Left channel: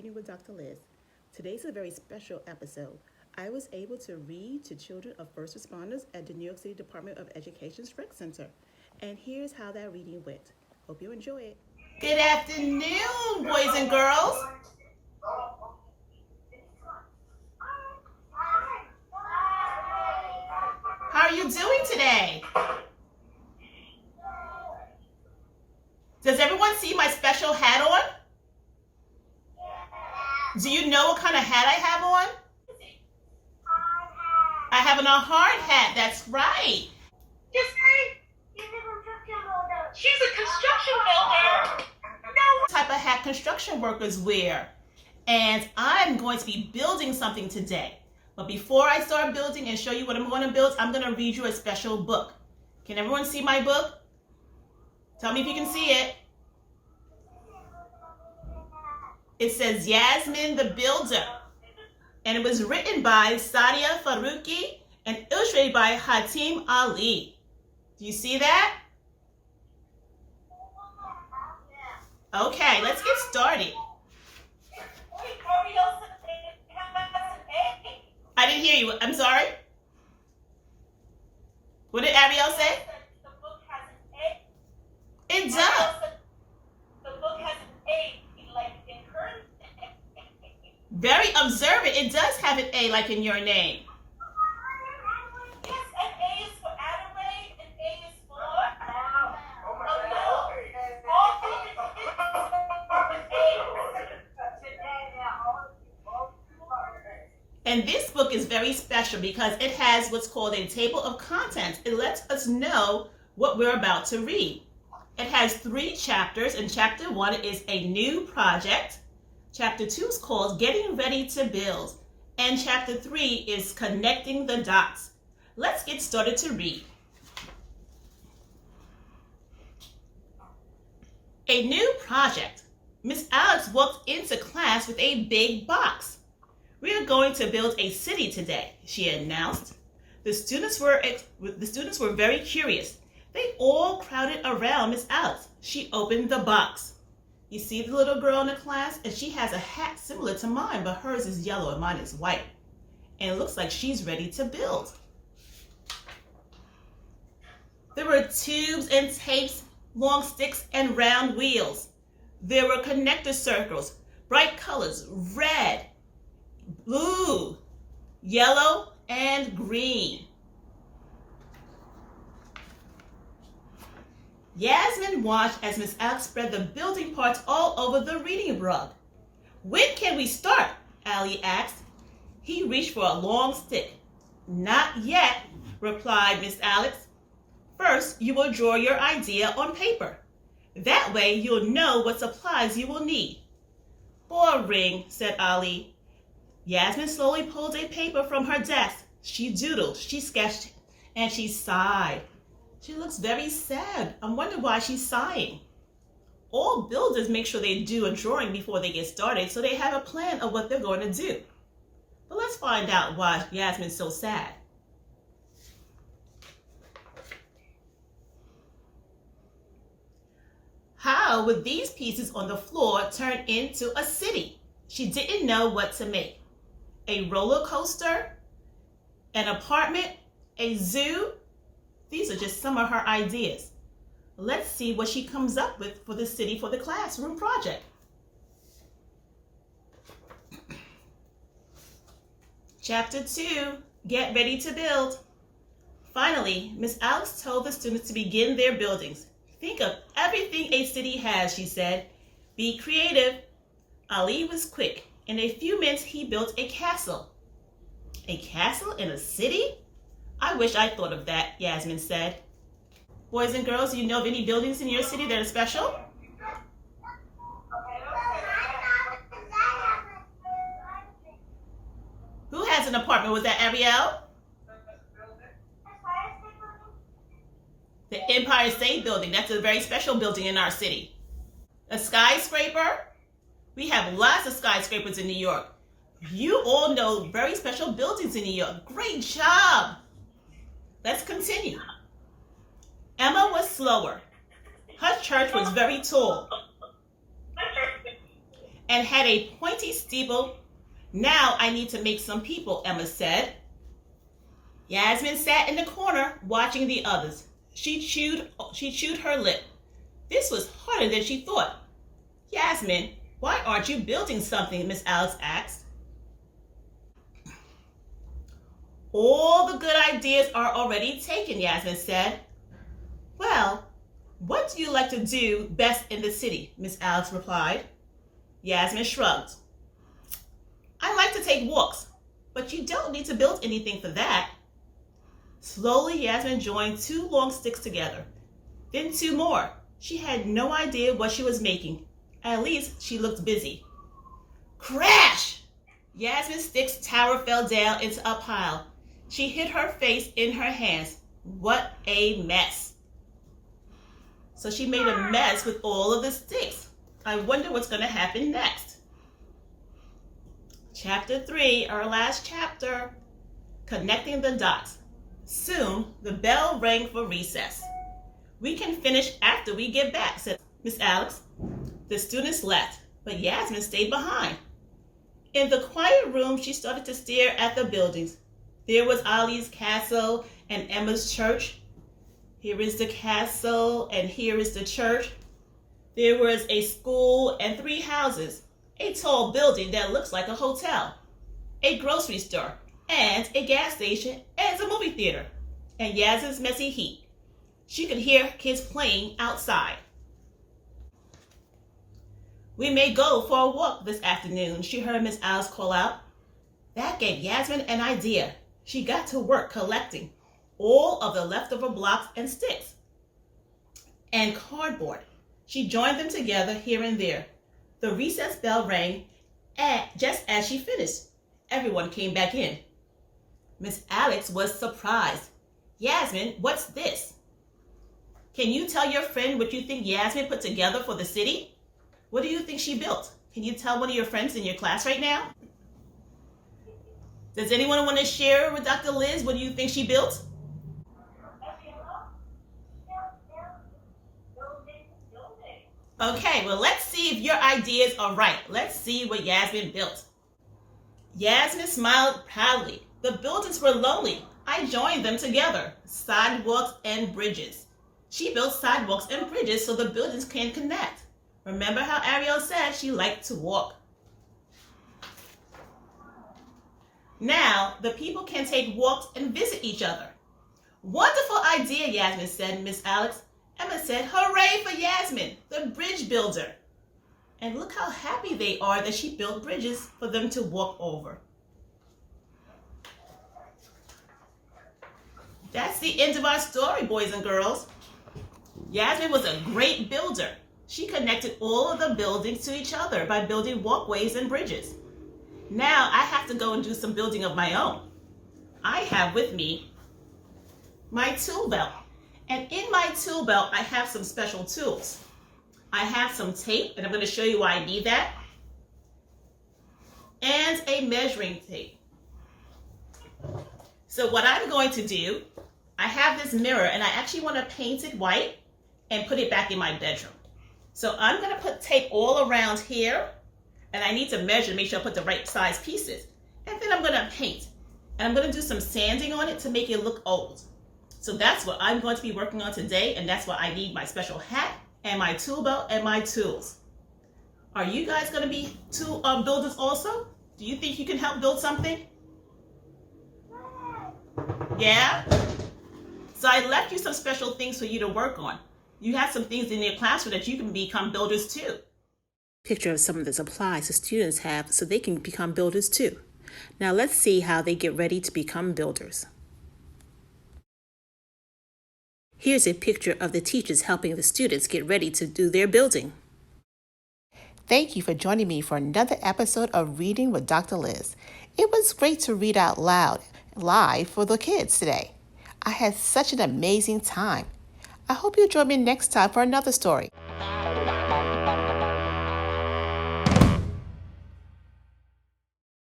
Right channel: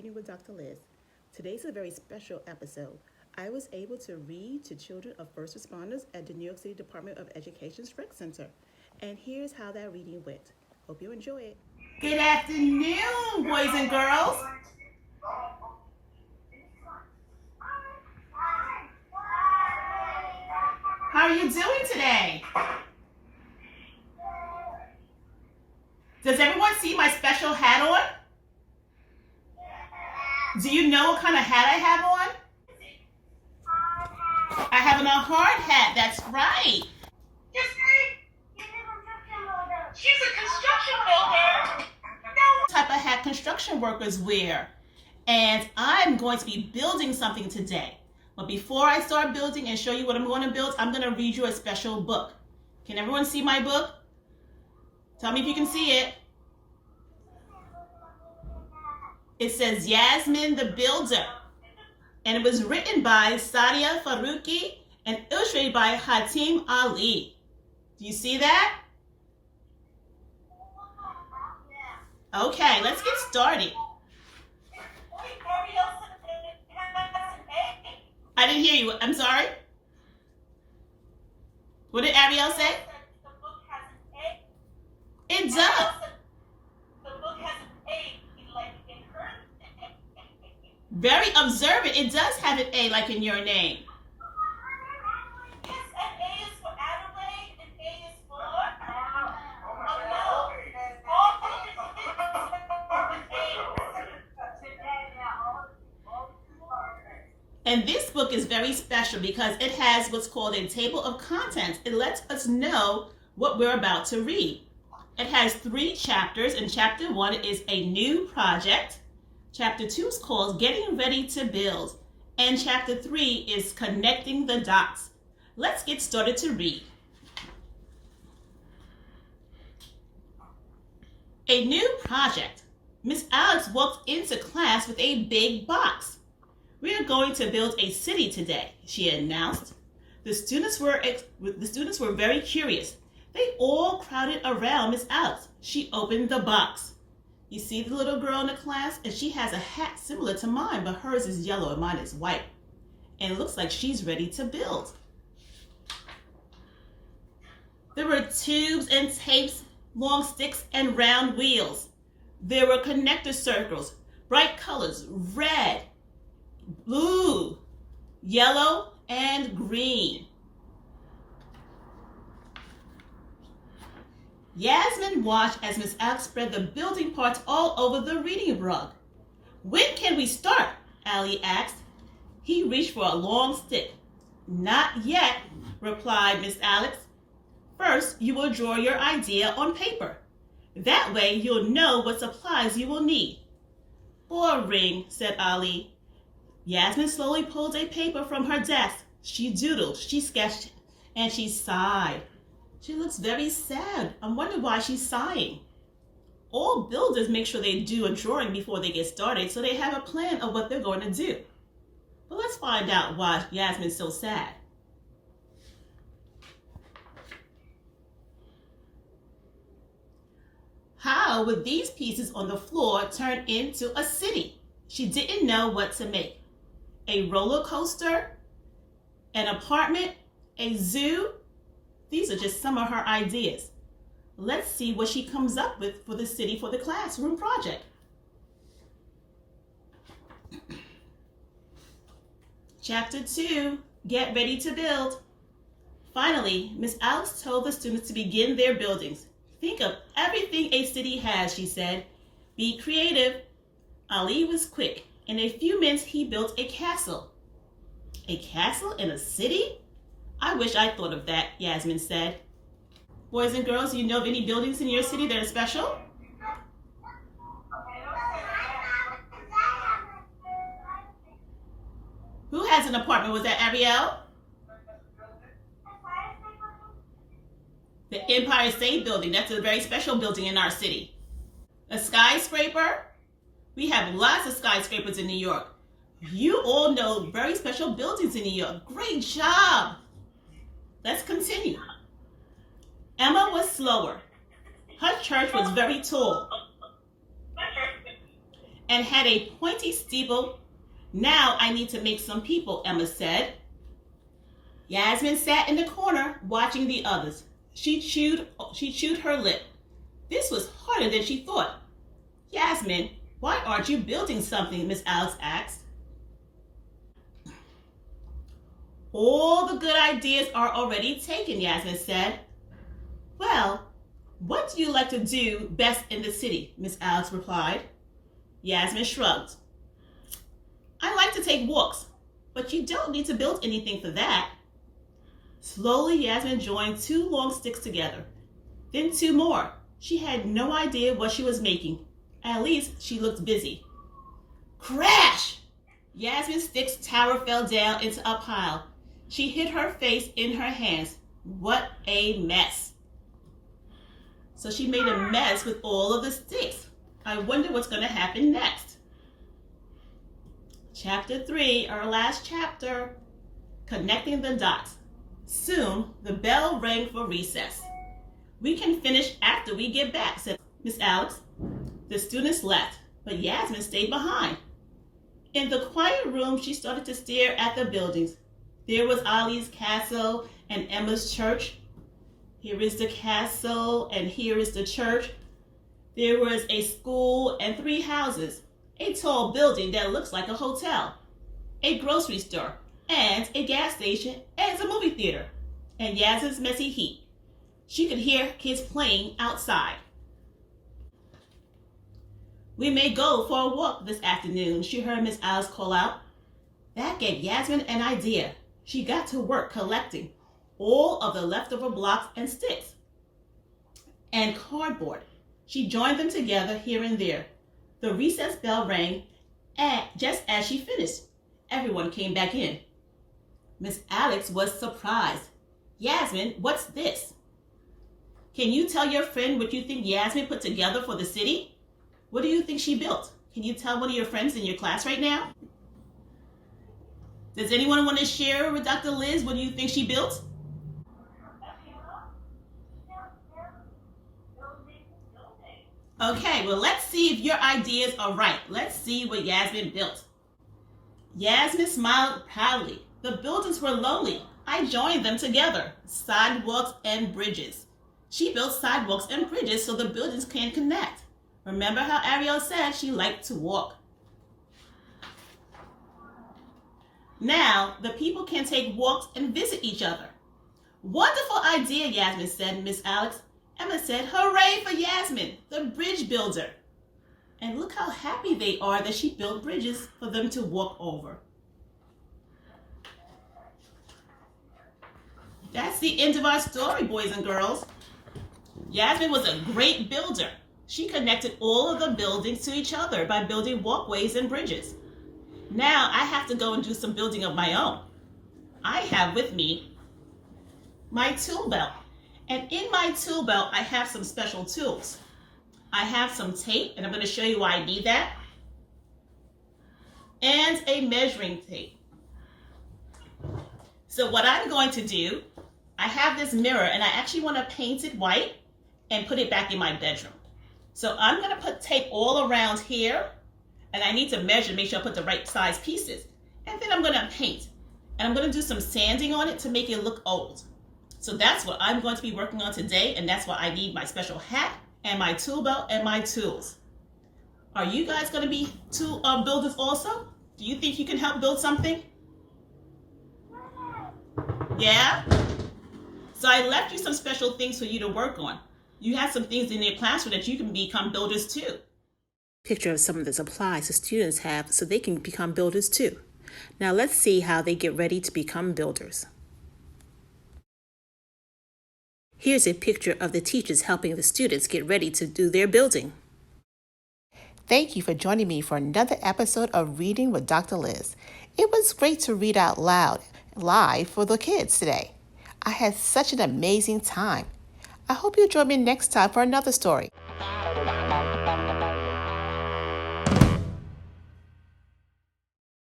Reading with Dr. Liz. Today's a very special episode. I was able to read to children of first responders at the New York City Department of Education's Rec Center. And here's how that reading went. Hope you enjoy it. Good afternoon, boys and girls. How are you doing today? Does everyone see my special hat on? Do you know what kind of hat I have on? I have on a hard hat, that's right. She's a construction builder. What type of hat construction workers wear? And I'm going to be building something today. But before I start building and show you what I'm going to build, I'm going to read you a special book. Can everyone see my book? Tell me if you can see it. It says Yasmin the Builder. And it was written by Sadia Faruqi and illustrated by Hatim Ali. Do you see that? Okay, let's get started. I didn't hear you. I'm sorry. What did Ariel say? The book has an A. It does. The book has an A, like in current. Very observant. It does have an A like in your name. Yes, an A is for Adelaide, an A is for. And this book is very special because it has what's called a table of contents. It lets us know what we're about to read. It has 3 chapters, and chapter 1 is a new project. Chapter 2 is called Getting Ready to Build. And chapter 3 is Connecting the Dots. Let's get started to read. A new project. Miss Alex walked into class with a big box. We are going to build a city today, she announced. The students were very curious. They all crowded around Miss Alex. She opened the box. You see the little girl in the class? And she has a hat similar to mine, but hers is yellow and mine is white. And it looks like she's ready to build. There were tubes and tapes, long sticks, and round wheels. There were connector circles, bright colors, red, blue, yellow, and green. Yasmin watched as Miss Alex spread the building parts all over the reading rug. When can we start? Ali asked. He reached for a long stick. Not yet, replied Miss Alex. First, you will draw your idea on paper. That way, you'll know what supplies you will need. Boring, said Ali. Yasmin slowly pulled a paper from her desk. She doodled, she sketched, and she sighed. She looks very sad. I wonder why she's sighing. All builders make sure they do a drawing before they get started so they have a plan of what they're going to do. But let's find out why Yasmin's so sad. How would these pieces on the floor turn into a city? She didn't know what to make. A roller coaster, an apartment, a zoo. These are just some of her ideas. Let's see what she comes up with for the city for the classroom project. Chapter 2, Get Ready to Build. Finally, Miss Alex told the students to begin their buildings. Think of everything a city has, she said. Be creative. Ali was quick. In a few minutes, he built a castle. A castle in a city? I wish I thought of that, Yasmin said. Boys and girls, do you know of any buildings in your city that are special? Who has an apartment? Was that Ariel? The Empire State Building. That's a very special building in our city. A skyscraper? We have lots of skyscrapers in New York. You all know very special buildings in New York. Great job. Let's continue. Emma was slower. Her church was very tall. and had a pointy steeple. Now I need to make some people, Emma said. Yasmin sat in the corner watching the others. She chewed her lip. This was harder than she thought. Yasmin, why aren't you building something? Miss Alex asked. All the good ideas are already taken, Yasmin said. Well, what do you like to do best in the city? Miss Alex replied. Yasmin shrugged. I like to take walks, but you don't need to build anything for that. Slowly, Yasmin joined 2 long sticks together, then 2 more. She had no idea what she was making. At least she looked busy. Crash! Yasmin's stick's tower fell down into a pile. She hid her face in her hands. What a mess. So she made a mess with all of the sticks. I wonder what's going to happen next. Chapter 3, our last chapter, connecting the dots. Soon, the bell rang for recess. We can finish after we get back, said Miss Alex. The students left, but Yasmin stayed behind. In the quiet room, she started to stare at the buildings. There was Ali's castle and Emma's church. Here is the castle and here is the church. There was a school and 3 houses, a tall building that looks like a hotel, a grocery store, and a gas station and a movie theater, and Yasmin's messy heat. She could hear kids playing outside. We may go for a walk this afternoon, she heard Miss Alice call out. That gave Yasmin an idea. She got to work collecting all of the leftover blocks and sticks and cardboard. She joined them together here and there. The recess bell rang, and just as she finished, everyone came back in. Miss Alex was surprised. Yasmin, what's this? Can you tell your friend what you think Yasmin put together for the city? What do you think she built? Can you tell one of your friends in your class right now? Does anyone want to share with Dr. Liz what do you think she built? Okay, well, let's see if your ideas are right. Let's see what Yasmin built. Yasmin smiled proudly. The buildings were lonely. I joined them together. Sidewalks and bridges. She built sidewalks and bridges so the buildings can connect. Remember how Ariel said she liked to walk. Now, the people can take walks and visit each other. Wonderful idea, Yasmin said, Miss Alex. Emma said, hooray for Yasmin, the bridge builder. And look how happy they are that she built bridges for them to walk over. That's the end of our story, boys and girls. Yasmin was a great builder. She connected all of the buildings to each other by building walkways and bridges. Now I have to go and do some building of my own. I have with me my tool belt. And in my tool belt, I have some special tools. I have some tape, and I'm going to show you why I need that. And a measuring tape. So what I'm going to do, I have this mirror, and I actually want to paint it white and put it back in my bedroom. So I'm going to put tape all around here, and I need to measure, make sure I put the right size pieces. And then I'm going to paint. And I'm going to do some sanding on it to make it look old. So that's what I'm going to be working on today, and that's why I need my special hat and my tool belt and my tools. Are you guys going to be tool builders also? Do you think you can help build something? Yeah? So I left you some special things for you to work on. You have some things in your classroom that you can become builders too. Picture of some of the supplies the students have so they can become builders too. Now let's see how they get ready to become builders. Here's a picture of the teachers helping the students get ready to do their building. Thank you for joining me for another episode of Reading with Dr. Liz. It was great to read out loud live for the kids today. I had such an amazing time. I hope you'll join me next time for another story.